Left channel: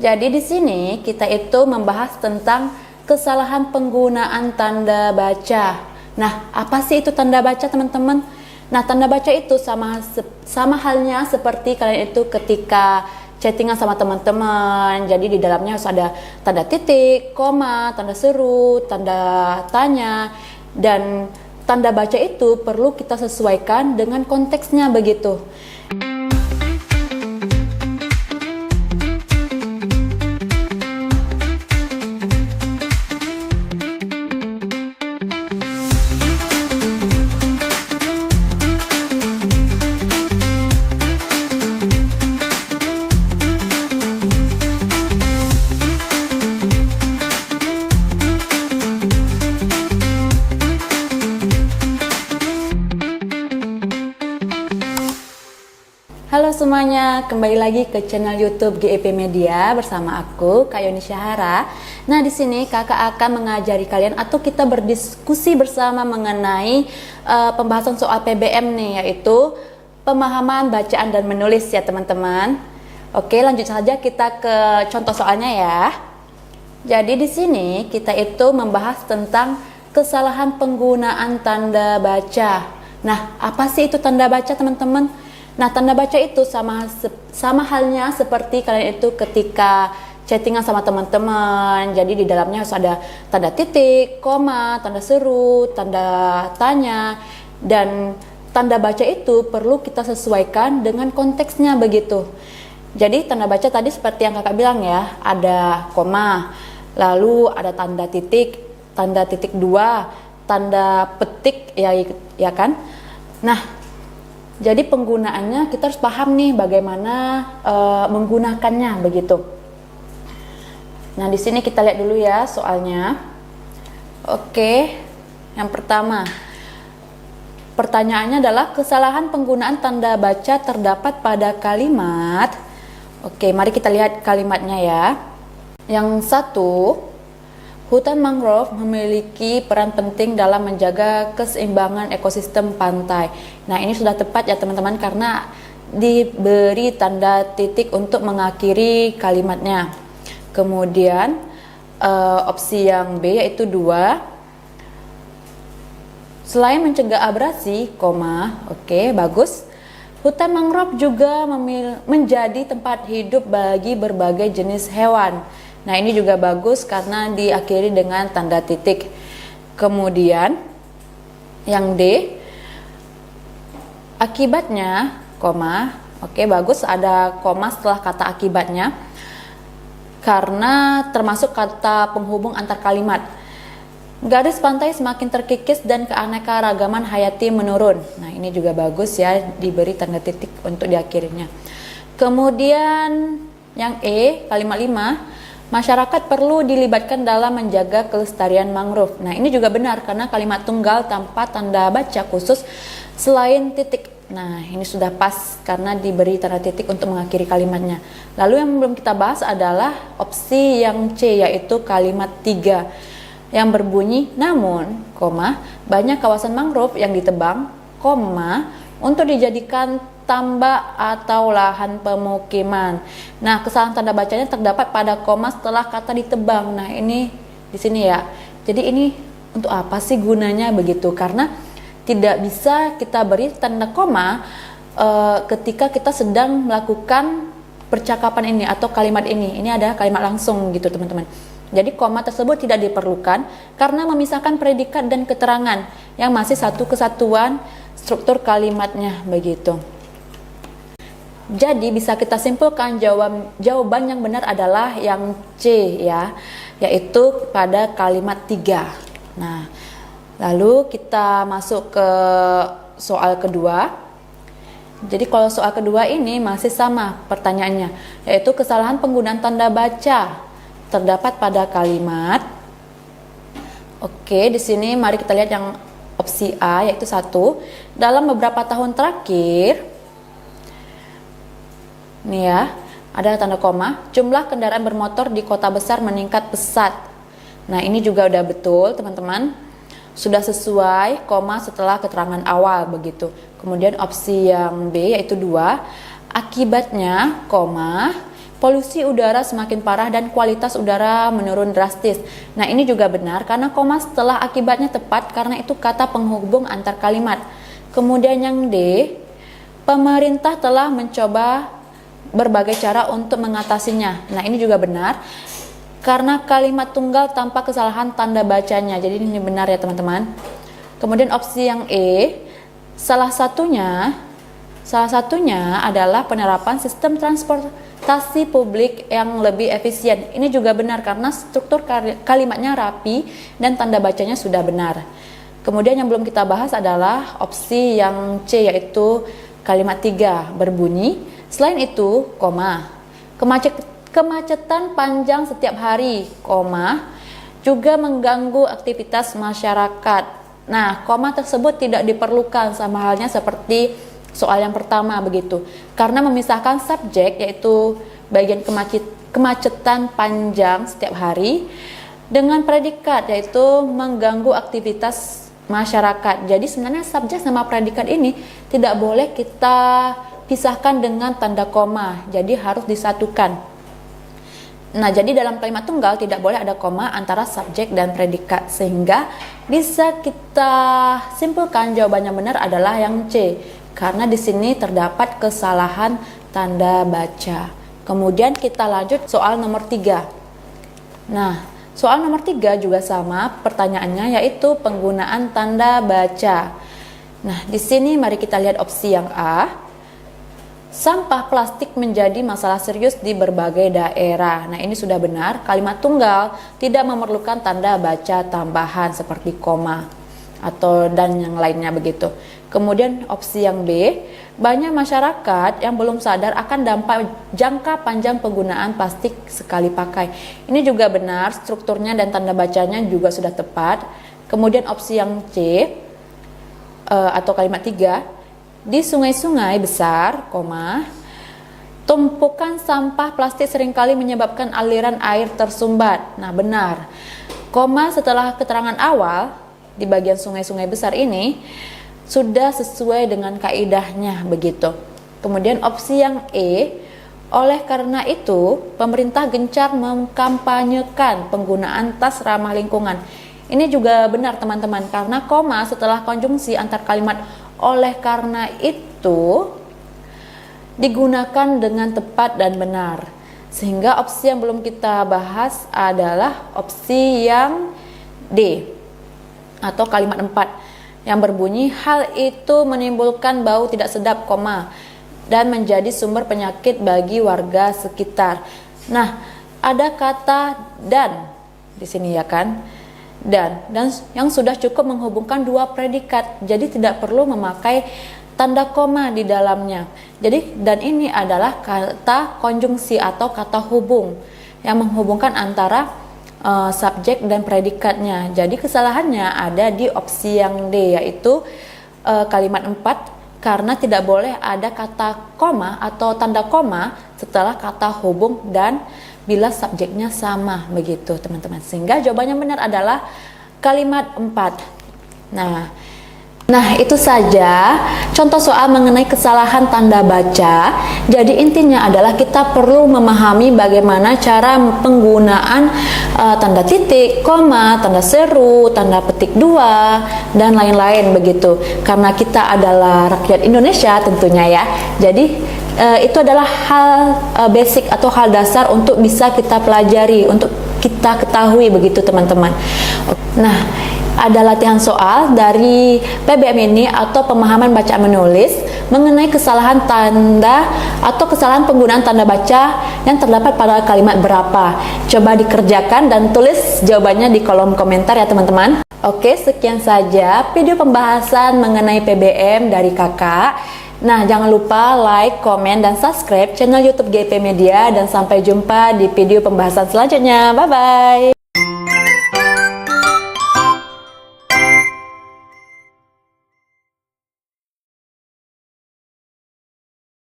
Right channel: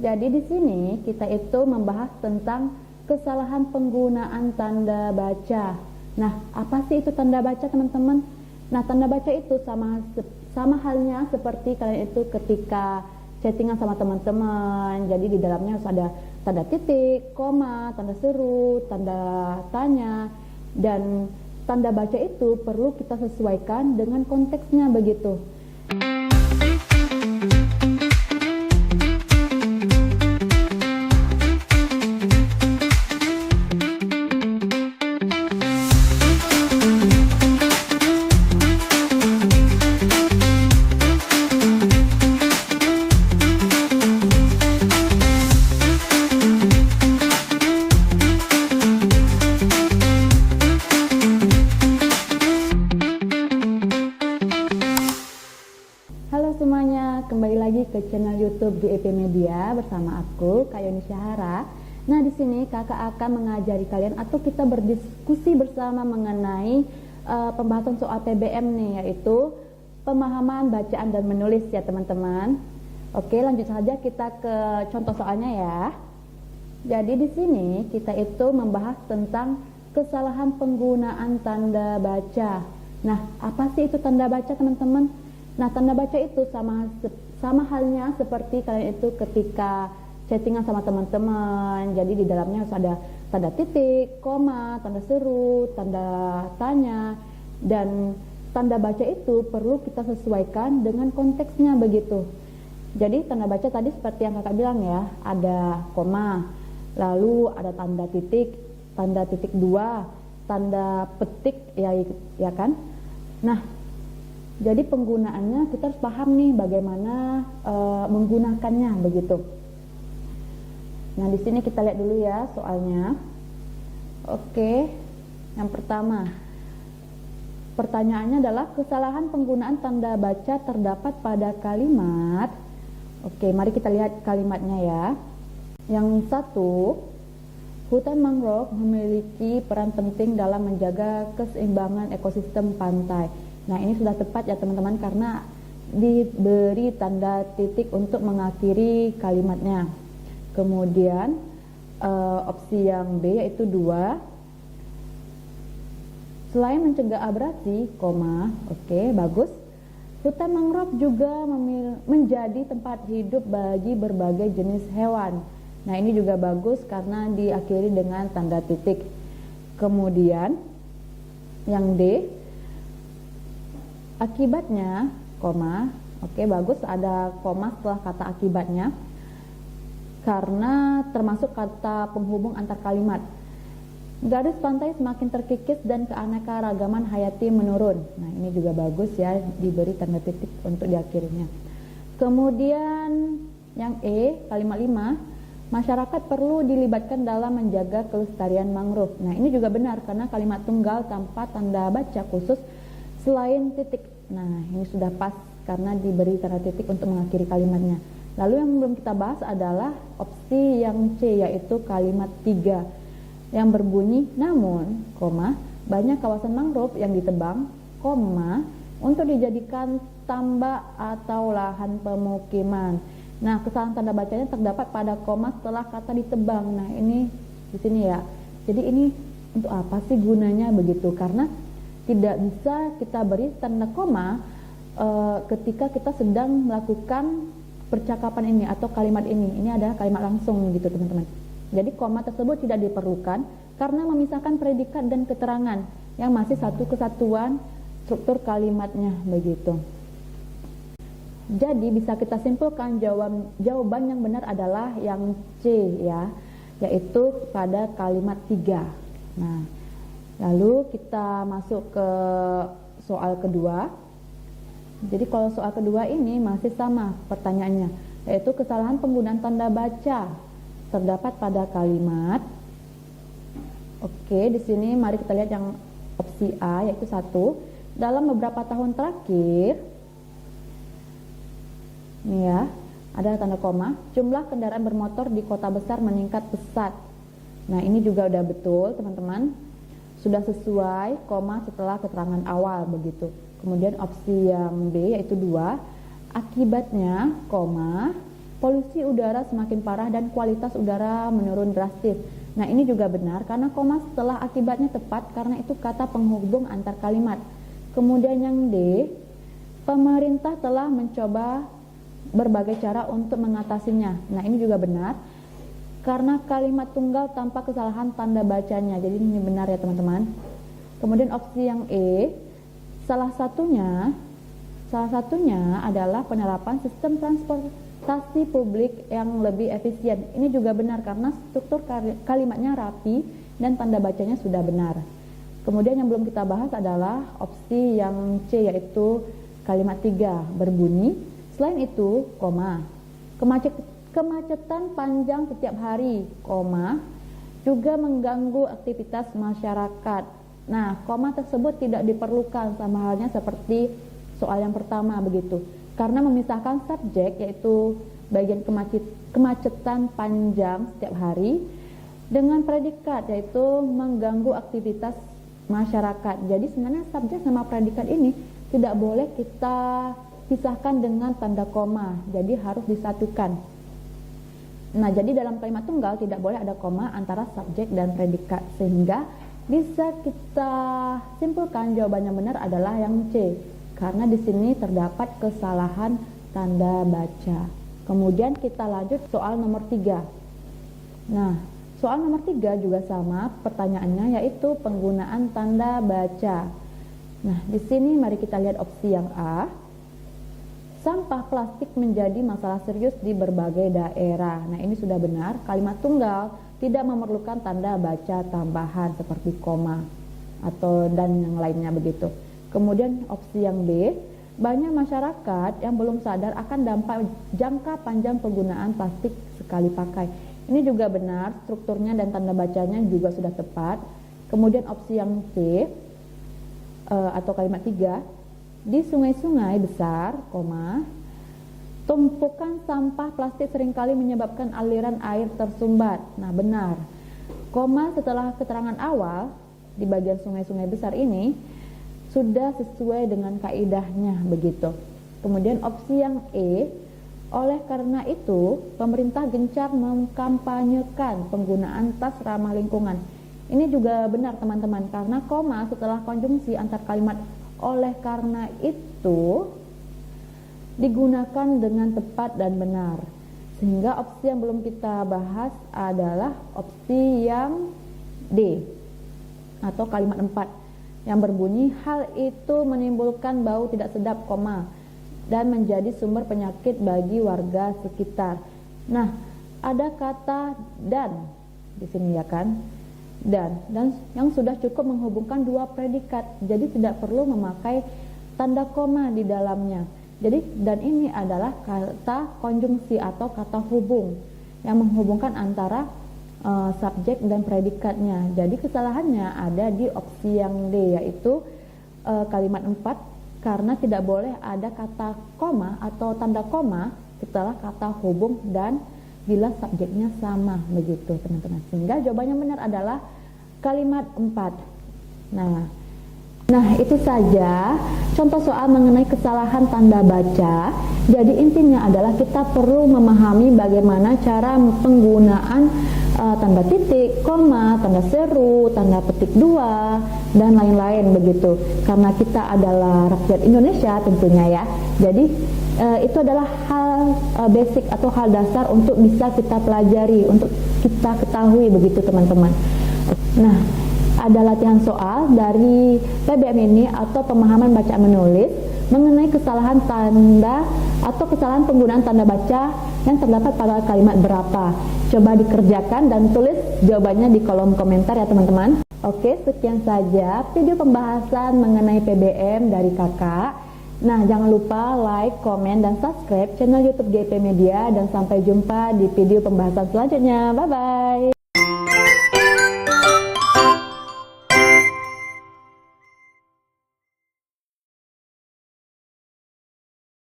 Jadi di sini kita itu membahas tentang kesalahan penggunaan tanda baca. Nah, apa sih itu tanda baca, teman-teman? Nah, tanda baca itu sama halnya seperti kalian itu ketika chattingan sama teman-teman. Jadi di dalamnya harus ada tanda titik, koma, tanda seru, tanda tanya, dan tanda baca itu perlu kita sesuaikan dengan konteksnya begitu. Halo semuanya, kembali lagi ke channel YouTube GEP Media bersama aku, Kak Yoni Syahara. Nah, di sini kakak akan mengajari kalian atau kita berdiskusi bersama mengenai pembahasan soal PBM nih, yaitu pemahaman bacaan dan menulis ya teman-teman. Oke, lanjut saja kita ke contoh soalnya ya. Jadi di sini kita itu membahas tentang kesalahan penggunaan tanda baca. Nah, apa sih itu tanda baca, teman-teman? Nah, tanda baca itu sama halnya seperti kalian itu ketika chattingan sama teman-teman. Jadi di dalamnya harus ada tanda titik, koma, tanda seru, tanda tanya, dan tanda baca itu perlu kita sesuaikan dengan konteksnya begitu. Jadi tanda baca tadi seperti yang kakak bilang ya, ada koma, lalu ada tanda titik dua, tanda petik ya kan. Nah, jadi penggunaannya kita harus paham nih bagaimana menggunakannya begitu. Nah, di sini kita lihat dulu ya soalnya. Oke, yang pertama pertanyaannya adalah kesalahan penggunaan tanda baca terdapat pada kalimat. Oke, mari kita lihat kalimatnya ya. Yang satu, hutan mangrove memiliki peran penting dalam menjaga keseimbangan ekosistem pantai. Nah, ini sudah tepat ya teman-teman karena diberi tanda titik untuk mengakhiri kalimatnya. Kemudian opsi yang B yaitu 2. Selain mencegah abrasi, oke, bagus. Hutan mangrove juga menjadi tempat hidup bagi berbagai jenis hewan. Nah, ini juga bagus karena diakhiri dengan tanda titik. Kemudian yang D, akibatnya, oke, bagus ada koma setelah kata akibatnya karena termasuk kata penghubung antar kalimat. Garis pantai semakin terkikis dan keanekaragaman hayati menurun. Nah, ini juga bagus ya, diberi tanda titik untuk diakhirinya. Kemudian yang E, kalimat 5, masyarakat perlu dilibatkan dalam menjaga kelestarian mangrove. Nah, ini juga benar karena kalimat tunggal tanpa tanda baca khusus selain titik. Nah, ini sudah pas karena diberi tanda titik untuk mengakhiri kalimatnya. Lalu yang belum kita bahas adalah opsi yang C, yaitu kalimat 3 yang berbunyi namun, banyak kawasan mangrove yang ditebang, untuk dijadikan tambak atau lahan pemukiman. Nah, kesalahan tanda bacanya terdapat pada koma setelah kata ditebang. Nah, ini di sini ya. Jadi ini untuk apa sih gunanya begitu? Karena tidak bisa kita beri tanda koma ketika kita sedang melakukan percakapan ini atau kalimat ini. Ini ada kalimat langsung gitu, teman-teman. Jadi koma tersebut tidak diperlukan karena memisahkan predikat dan keterangan yang masih satu kesatuan struktur kalimatnya begitu. Jadi bisa kita simpulkan jawaban yang benar adalah yang C ya, yaitu pada kalimat 3. Nah, lalu kita masuk ke soal kedua. Jadi kalau soal kedua ini masih sama pertanyaannya, yaitu kesalahan penggunaan tanda baca terdapat pada kalimat. Oke, di sini mari kita lihat yang opsi A, yaitu 1. Dalam beberapa tahun terakhir, nih ya, ada tanda koma, jumlah kendaraan bermotor di kota besar meningkat pesat. Nah, ini juga udah betul teman-teman, sudah sesuai koma setelah keterangan awal begitu. Kemudian opsi yang B yaitu 2, akibatnya polusi udara semakin parah dan kualitas udara menurun drastis. Nah, ini juga benar karena koma setelah akibatnya tepat karena itu kata penghubung antar kalimat. Kemudian yang D, pemerintah telah mencoba berbagai cara untuk mengatasinya. Nah, ini juga benar karena kalimat tunggal tanpa kesalahan tanda bacanya. Jadi ini benar ya teman-teman. Kemudian opsi yang E, salah satunya adalah penerapan sistem transportasi publik yang lebih efisien. Ini juga benar karena struktur kalimatnya rapi dan tanda bacanya sudah benar. Kemudian yang belum kita bahas adalah opsi yang C, yaitu kalimat 3 berbunyi, selain itu, koma, kemacetan panjang setiap hari, koma, juga mengganggu aktivitas masyarakat. Nah, koma tersebut tidak diperlukan sama halnya seperti soal yang pertama begitu. Karena memisahkan subjek yaitu bagian kemacetan panjang setiap hari dengan predikat yaitu mengganggu aktivitas masyarakat. Jadi sebenarnya subjek sama predikat ini tidak boleh kita pisahkan dengan tanda koma. Jadi harus disatukan. Nah, jadi dalam kalimat tunggal tidak boleh ada koma antara subjek dan predikat, sehingga bisa kita simpulkan jawaban yang benar adalah yang C, karena di sini terdapat kesalahan tanda baca. Kemudian kita lanjut soal nomor 3. Nah, soal nomor 3 juga sama pertanyaannya, yaitu penggunaan tanda baca. Nah, di sini mari kita lihat opsi yang A. Sampah plastik menjadi masalah serius di berbagai daerah. Nah, ini sudah benar. Kalimat tunggal tidak memerlukan tanda baca tambahan seperti koma atau dan yang lainnya begitu. Kemudian opsi yang B, banyak masyarakat yang belum sadar akan dampak jangka panjang penggunaan plastik sekali pakai. Ini juga benar, strukturnya dan tanda bacanya juga sudah tepat. Kemudian opsi yang C atau kalimat 3, di sungai-sungai besar, koma, tumpukan sampah plastik seringkali menyebabkan aliran air tersumbat. Nah, benar. Koma setelah keterangan awal di bagian sungai-sungai besar ini sudah sesuai dengan kaidahnya begitu. Kemudian opsi yang E, oleh karena itu pemerintah gencar mengkampanyekan penggunaan tas ramah lingkungan. Ini juga benar teman-teman, karena koma setelah konjungsi antar kalimat oleh karena itu digunakan dengan tepat dan benar. Sehingga opsi yang belum kita bahas adalah opsi yang D atau kalimat 4 yang berbunyi, hal itu menimbulkan bau tidak sedap, koma, dan menjadi sumber penyakit bagi warga sekitar. Nah, ada kata dan di sini ya kan? Dan yang sudah cukup menghubungkan dua predikat, jadi tidak perlu memakai tanda koma di dalamnya. Jadi dan ini adalah kata konjungsi atau kata hubung yang menghubungkan antara subjek dan predikatnya. Jadi kesalahannya ada di opsi yang D, yaitu kalimat 4, karena tidak boleh ada kata koma atau tanda koma setelah kata hubung dan bila subjeknya sama begitu teman-teman. Sehingga jawabannya benar adalah kalimat 4. Nah, itu saja contoh soal mengenai kesalahan tanda baca. Jadi intinya adalah kita perlu memahami bagaimana cara penggunaan tanda titik, koma, tanda seru, tanda petik 2 dan lain-lain begitu. Karena kita adalah rakyat Indonesia tentunya ya. Jadi itu adalah hal basic atau hal dasar untuk bisa kita pelajari, untuk kita ketahui begitu teman-teman. Nah, ada latihan soal dari PBM ini atau pemahaman baca menulis mengenai kesalahan tanda atau kesalahan penggunaan tanda baca yang terdapat pada kalimat berapa. Coba dikerjakan dan tulis jawabannya di kolom komentar ya teman-teman. Oke, sekian saja video pembahasan mengenai PBM dari kakak. Nah, jangan lupa like, komen, dan subscribe channel YouTube GIP Media, dan sampai jumpa di video pembahasan selanjutnya. Bye-bye!